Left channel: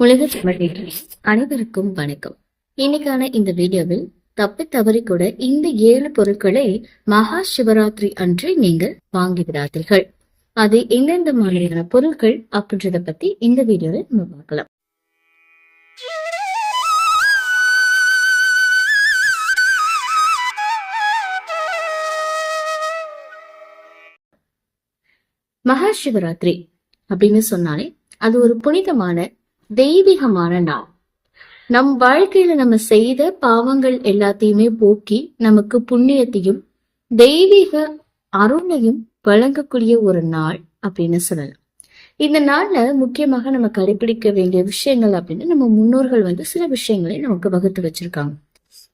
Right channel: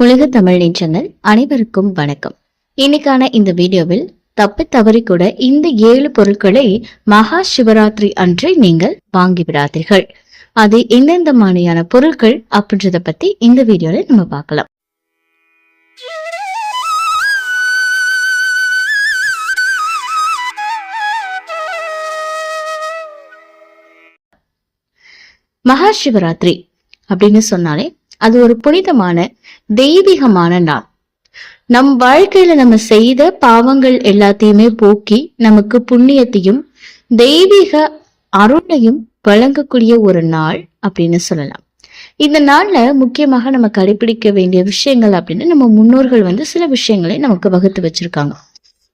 உலக தமிழ் நீச்சங்கள் அனைவருக்கும் வணக்கம். இன்னைக்கான இந்த வீடியோவில் தப்பி தவறி கூட இந்த ஏழு பொருட்களை மகா சிவராத்திரி அன்று நீங்கள் வாங்கி விடாதீர்கள். அது எந்தெந்த மாதிரியான பொருட்கள் அப்படின்றத பத்தி இந்த வீடியோல நம்ம பார்க்கலாம். மகா சிவராத்திரி அப்படின்னு சொன்னாலே அது ஒரு புனிதமான தெய்வீகமான நாள். நம் வாழ்க்கையில நம்ம செய்த பாவங்கள் எல்லாத்தையுமே போக்கி நமக்கு புண்ணியத்தையும் தெய்வீக அருளையும் வழங்கக்கூடிய ஒரு நாள் அப்படின்னு சொல்லலாம். இந்த நாள்ல முக்கியமாக நம்ம கடைபிடிக்க வேண்டிய விஷயங்கள் அப்படின்னு நம்ம முன்னோர்கள் வந்து சில விஷயங்களை நமக்கு வகுத்து வச்சிருக்காங்க.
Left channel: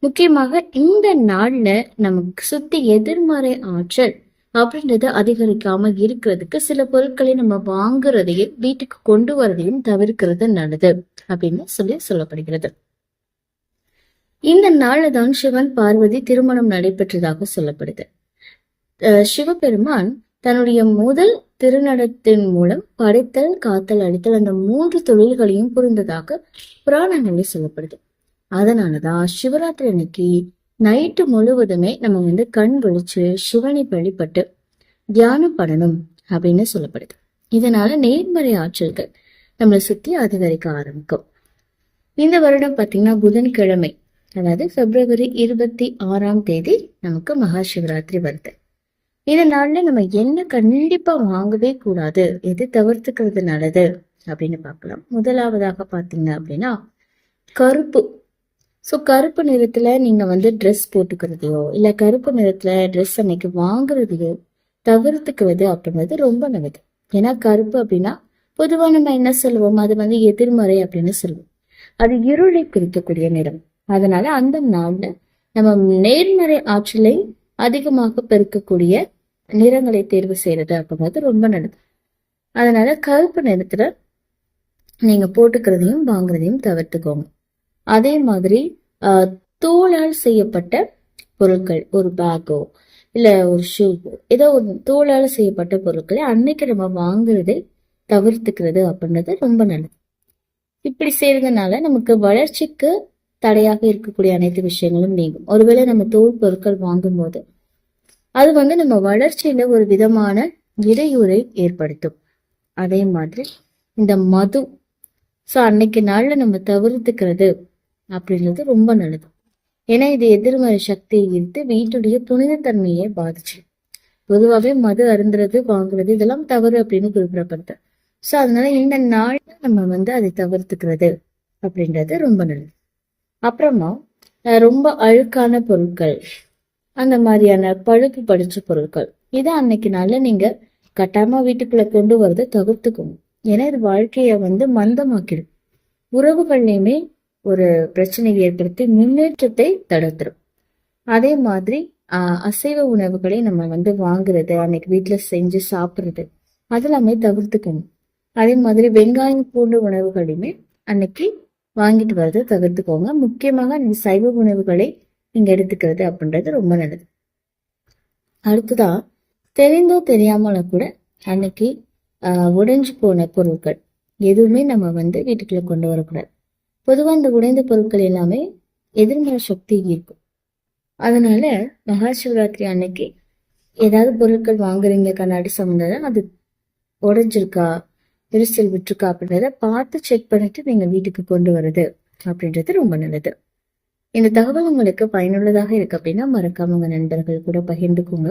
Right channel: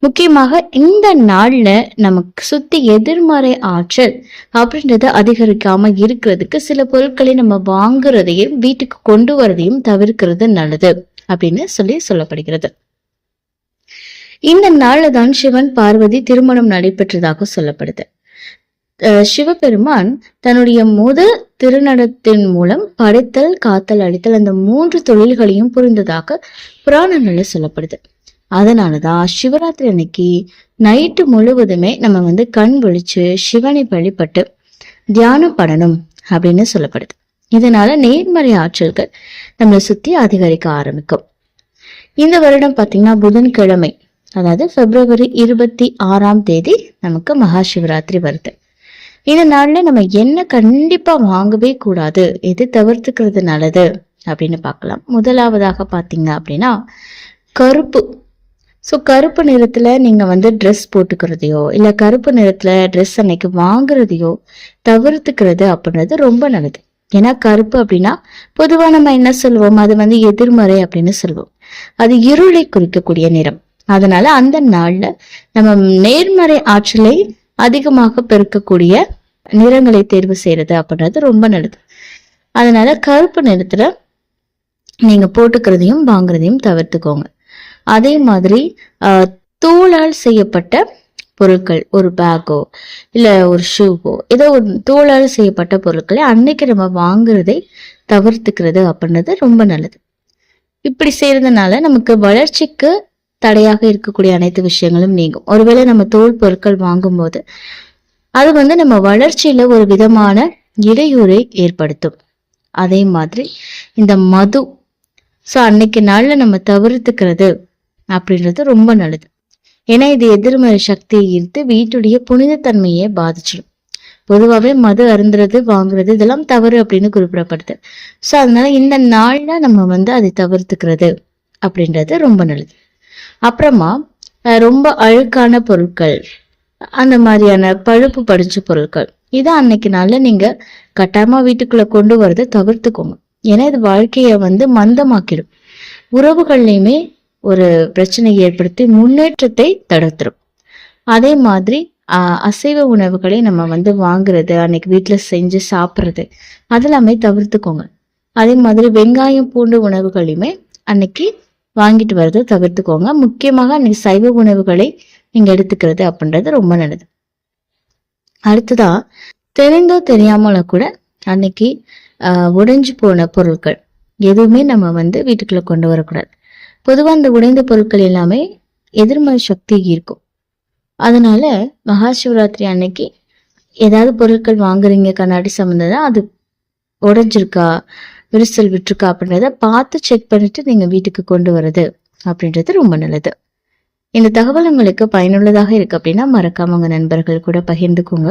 முக்கியமாக இந்த நாள்ல நமக்கு சுத்தி எதிர்மறை ஆற்றல் அப்படின்றத அதிகரிக்காம இருக்கிறதுக்கு சில பொருட்களை நம்ம வாங்குறதையும் வீட்டுக்கு கொண்டு வரதையும் தவிர்க்கிறது நல்லது அப்படின்னு சொல்லி சொல்லப்படுகிறது. இந்த நாள்ல தான் சிவன் பார்வதி திருமணம் நடைபெற்றதாக சொல்லப்படுது. அஹ் சிவபெருமான் தன்னுடைய முதல் திருநடத்தின் மூலம் படைத்தல் காத்தல் அழித்தல் அந்த மூன்று தொழில்களையும் புரிந்ததாக புராணங்களில் சொல்லப்படுது. அதனாலதான் சிவராத்திரி அன்னைக்கு நைட்டு முழுவதுமே நம்ம வந்து கண் விழிச்சு சிவனை வழிபட்டு தியானம் பண்ணணும் அப்படின்னு சொல்லப்படுது. இதனால நேர்மறை ஆற்றல்கள் நம்மளை சுத்தி அதிகரிக்க ஆரம்பிக்கும். இந்த வருடம் பார்த்தீங்கன்னா புதன்கிழமை அதாவது பிப்ரவரி இருபத்தி ஆறாம் தேதி நமக்கு மகா சிவராத்திரி வருது. இந்த நாள்ல நம்ம என்ன கண்டிப்பா வாங்கவே கூடாது எது தவிர்த்துக்கிறது நல்லது அப்படின்னு பார்க்கலாம். முதலாவதாக பார்த்தீங்க அப்படின்னா கருப்பு. ஸோ கருப்பு நிறத்தில் நீங்கள் வந்து ட்ரெஸ் போட்டுக்கிறதையோ இல்லை கருப்பு நிறத்தில் ட்ரெஸ் அன்னைக்கு வாங்குறதையோ தவிர்த்துக்கிறது அப்படின்றது ரொம்ப நல்லது. ஏன்னா கருப்பு அப்படின்னா பொதுவாக நம்ம என்ன சொல்லுவோம் அது வந்து எதிர்மறை அப்படின்னு சொல்லுவோம் அது இருளை குறிக்கக்கூடிய நிறம். அதனால அந்த நாளில் நம்ம நேர்மறை ஆற்றலை அதிகமாக பெருக்கக்கூடிய நிறங்களை தேர்வு செய்யறது அப்படின்றது ரொம்ப நல்லது. அதனால கருப்பு நிறத்துல நீங்க போட்டுக்கிறதையும் வாங்குறதையும் தவிர்த்துக்கோங்க. அதே மாதிரி ஆஹ், தூளால் செய்யப்பட்ட பொருட்கள் ஒரு பேக்கோ இல்லை ஒரு ஷூவோ ஏதோ ஒரு தூளால் செய்யப்பட்ட பொருட்களை அன்னைக்கு நம்ம வாங்குறதை தவிர்த்துக்கிறது அப்படின்றது ரொம்ப நல்லது. இப்படி செய்யறதுனால நமக்கு வளர்ச்சிக்கு தடையாக இருக்கக்கூடிய அனைத்து விஷயங்களும் நீங்கும். ஒருவேளை நம்ம தோல் பொருட்கள் வாங்கும்போது அது வந்து நம்ம வளர்ச்சியில ஒரு விதமான இடையூறை ஏற்படுத்தும். அதே மாதிரி இந்த மது ஸோ அன்னைக்கு நாளில் நம்ம தவிர்த்துக்கிறது அப்படின்றது ரொம்ப நல்லது. ஏன்னா இது எதிர்மறை சக்தியை ஈர்த்து வீட்டுடைய புனிதத்தன்மையை பாதிச்சிடும். பொதுவாகவே மது அருந்துறது வாங்குறது இதெல்லாம் தவறு அப்படின்னு குறிப்பிடப்படுது. ஸோ அதனால இந்த நாள்ல நம்ம வந்து அதை தவிர்த்துக்கிறது அப்படின்றது ரொம்ப நல்லது. அப்புறமா அஹ், ரொம்ப அழுக்கான பொருட்கள் அந்த மாதிரியான பழுப்பு படிச்ச பொருட்கள் இதை அன்னைக்கு நாளில் நீங்க கட்டாயமா வீட்டுக்குள்ள கொண்டு வரதை தவிர்த்துக்கோங்க. ஏன்னா இது வாழ்க்கைய வந்து மந்தமாக்கிடும். உறவுகள்லையுமே ஒரு பிரச்சனையை ஏற்படுத்தி முன்னேற்றத்தை தடுத்துரும். அதே மாதிரி அசைவ உணவுகளை நம்ம வந்து வாங்குறது அன்னைக்கு வீட்டுல செஞ்சு சாப்பிட்றது அதெல்லாமே தவிர்த்துக்கோங்க. அதே மாதிரி வெங்காயம் பூண்டு உணவுகளையுமே அன்னைக்கு வாங்கிட்டு வர்றது தவிர்த்துக்கோங்க. முக்கியமாக அன்னைக்கு சைவ உணவுகளை நீங்க எடுத்துக்கிறது அப்படின்றது ரொம்ப நல்லது. அடுத்ததா தெரிந்தோ தெரியாமல கூட அன்னைக்கு ஆஹ், உடைஞ்சு போன பொருட்கள் எதுவுமே நம்ம வந்து வீட்டுக்குள்ள கொண்டு வரக்கூடாது. பொதுவாக அந்த உடைந்த பொருட்கள் எல்லாமே எதிர்மறை சக்தி இருக்கும். அதனால மகா சிவராத்திரி அன்னைக்கு ஏதாவது பொருட்கள் வாங்குறீங்க கண்ணாடி சம்மந்ததா? அது உடஞ்சிருக்கா? விரிசல் விட்டுருக்கா அப்படின்றத பார்த்து செக் பண்ணிட்டு நீங்கள் வீட்டுக்கு கொண்டு வர்றது அப்படின்றது ரொம்ப நல்லது. இந்த தகவல் உங்களுக்கு பயனுள்ளதாக இருக்கு அப்படின்னா மறக்காம உங்க நண்பர்கள் கூட பகிர்ந்துக்கோங்க.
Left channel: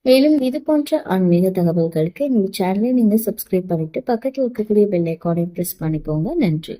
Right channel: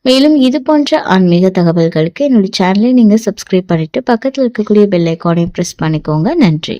மேலும் இது போன்ற ஆன்மீக தகவல்களுக்கு என்னுடைய சேனலை நீங்கள் சப்ஸ்கிரைப் பண்ணிட்டு பக்கத்தில் இருக்கக்கூடிய பெல் ஐக்கானையும் ப்ரெஸ் பண்ணிக்கோங்க. நன்றி.